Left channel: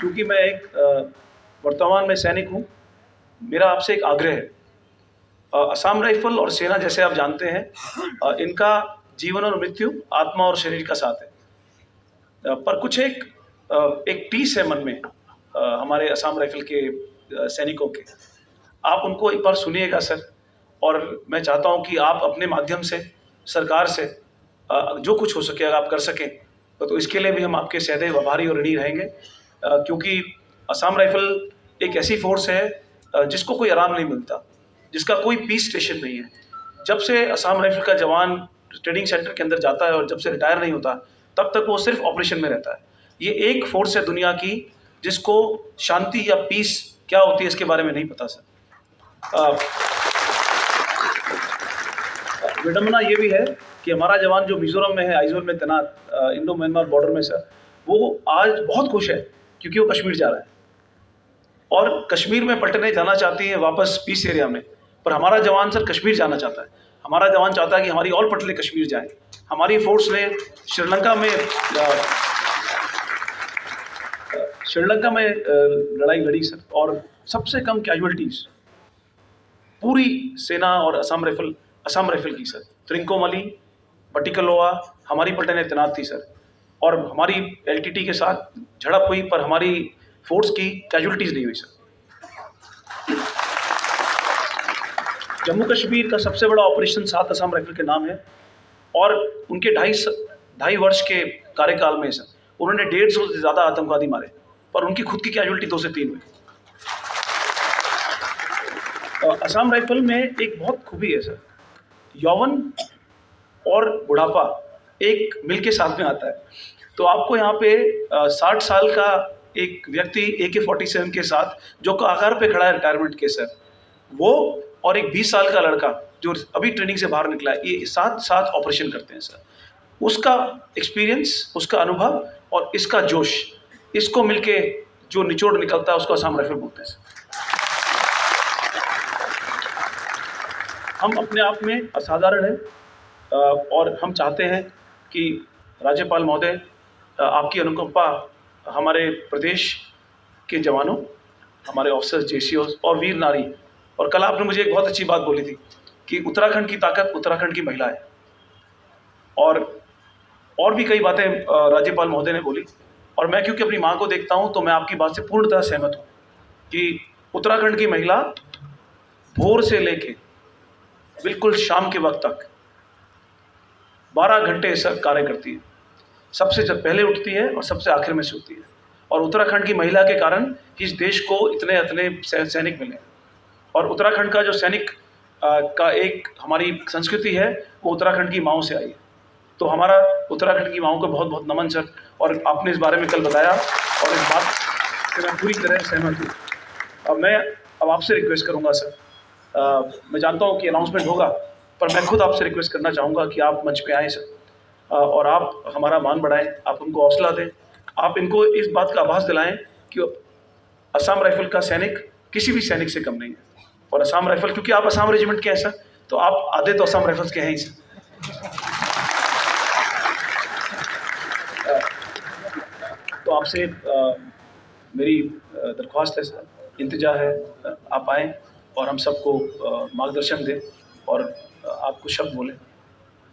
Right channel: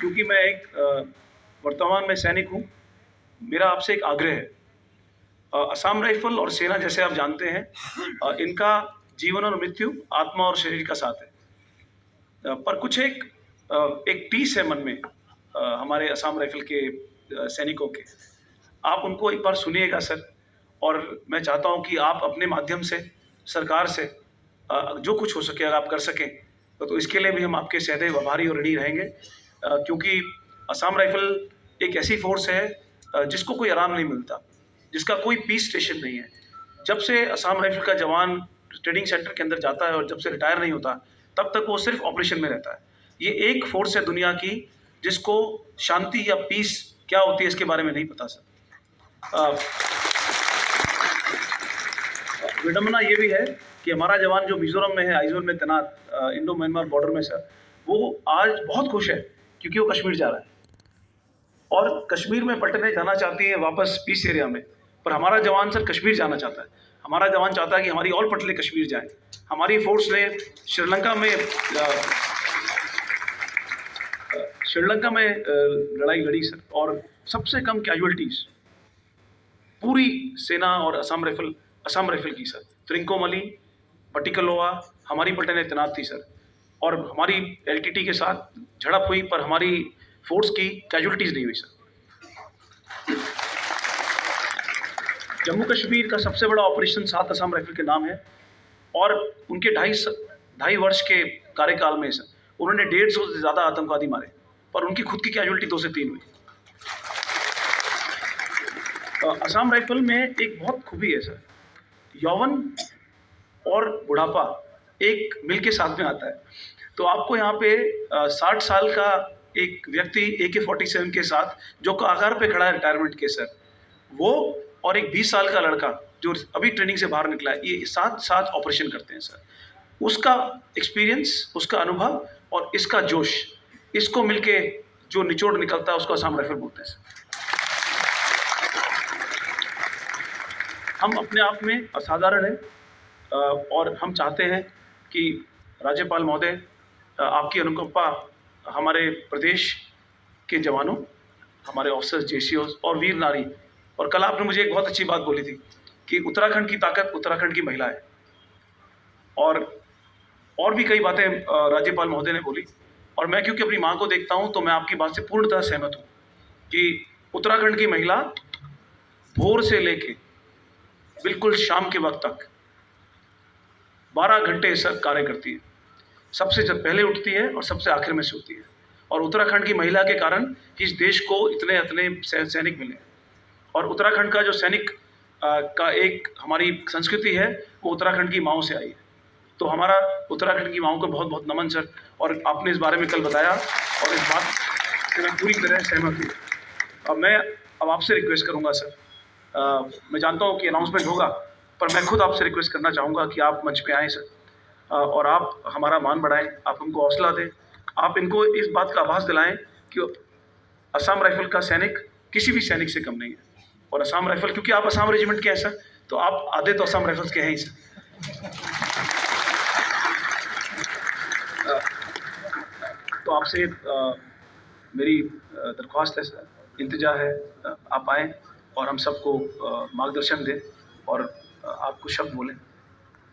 क्योंकि मैं एक वर्तमान में सैनिक हूँ, मेरा आपसे एक आग्रह है। असम राइफ़ल और सेना जैसे आप जानते हैं इनका जीवन और मृत्यु आत्मा और शरीर का साथ है। पर कुछ एक टीस है मन में हमारे असम राइफ़ल के सैनिकों के। आप उनको एक बार सुनिएगा सर, और मैं चाहता हूँ कि आप अपने माध्यम से सरकार से जो कुछ हो सके अगर आप कर सकें, तो इसके लिए भी हम आपके सदैव आभारी और ऋणी रहेंगे। क्योंकि असम राइफ़ल एक ऐसी फ़ोर्स है जिसको कोई आराम नहीं मिलता, जिसका कोई पीस स्टेशन नहीं है। जब से असम राइफ़ल का जवान ट्रेनिंग सेंटर के अंदर जाता है और जब से रिटायर नहीं होता, तब तक वो सिर्फ़ ऑपरेशन में रहता है। ये एक फ़ोर्स है दुनिया की जिसको शांति या पीस क्या होती है इसके बारे में नहीं पता सर। विडंबना ये भी है कि हमारा जवान जो मिज़ोरम में है, आइज़ोल में तैनात इंडो म्यांमार बॉर्डर में सर, वो आज बहुत खुश है क्योंकि वो कश्मीर जा रहा है और कश्मीर में पलटने जाना चाहती है वापस पीस एरिया में। पर हमारा जवान सर कश्मीर जाना चाहता है। हमारा जवान चाहता है कि हमारी और पटले कश्मीर जाएँ। हमारी फ़ोर्स ने श्रीलंका में लड़ाई लड़ी सर, और सबसे कम कैजुअल्टीज़ पूरी सेना और असम राइफ़ल की सर। त्रिंकोमाली, बटिकलोआ हमारी पलटनें तैनात थी सर, और हमारी एलटीटी के साथ झड़प हुई पर हमारी फ़ोर्स की कैजुअल्टीज़ नहीं हुई सर। जम्मू कश्मीर का सबसे बड़ा ऑपरेशन 7 असम राइफ़ल के नाम है, और उनके ढाई वर्ष के कार्यकाल में सर उन्होंने 150 से ज़्यादा आतंकवादी मारे, पर उनकी खुद की कैजुअल्टी 2 से 3 हुई। असम राइफ़ल में एक बहुत खूबी है सर, यौवन और बुढ़ापा एक मिल के साथ में आता है। तो आपको यहाँ पे 60 साल का एक व्यक्ति AK-47 के साथ जो कगार पे खड़ा है रिटायरमेंट के सर, वो और एक 20 साल का लड़का जो अभी ट्रेनिंग से बाहर निकला है, ये साथ ऑपरेशन करते हैं सर। उसका एक्सपीरियंस, उसका अनुभव और इसका जोश, इसको मिलके जो निचोड़ निकलता है उसको असम राइफ़ल बोलते हैं सर। हम अपने आप में असाधारण हैं और हम चाहते हैं कि राज्यपाल महोदय आपकी अनुकंपा हमारे प्रदेश के जवानों, हमारे ऑफिसर्स, जेसीओस और वीर नारी, और कल आपने मुझे एक बहुत अच्छी बात बोली थी कि उत्तराखंड की ताकत उत्तराखंड की महिला है, और भी कई बातें राज्यपाल महोदय ने बोली, और मैं क्योंकि अपनी माँ को देखता हूँ तो मैं आपकी बात से पूर्णतः सहमत हूँ कि उत्तराखंड की महिला भोर से लेके बिल्कुल शाम के वक्त तक 12 घंटे सर कार्य करती है। सबसे जब पहले उठती है और सबसे आखिर में सोती है, और उत्तराखंड की महिला के कारण इस देश को इतने सैनिक मिले। और उत्तराखंड का जो सैनिक का एक हमारी संस्कृति है, वो उत्तराखंड की माँओं से आई है। तो हमारा उत्तराखंड की माँओं को बहुत बहुत नमन सर, और आपने इस बारे में कल बताया और इस बात से मैं पूरी तरह सहमत हूँ। अब आपसे रिक्वेस्ट करूँगा सर, मैं जानता हूँ कि अनाउंसमेंट होगा, पर मैं खुद आपसे रिक्वेस्ट करना चाहूँगा कि आप मंच पे आएँ सर, और आप हमारा मान बढ़ाएँ, आप हमको हौसला दें, आप इनको इस बात का आभास दिलाएँ कि असम राइफ़ल का सैनिक किसी भी सैनिक से कम नहीं है। और असम राइफ़ल, क्योंकि आप असम रेजिमेंट के हैं सर, तो आप आधे तो असम राइफ़ल्स के हैं ही सर। तो आपसे मेरी दरख्वास्त है सर, इंतज़ार है आप आएँ और हम सबको मार्गदर्शन दें और आप कुछ शब्द बोलें।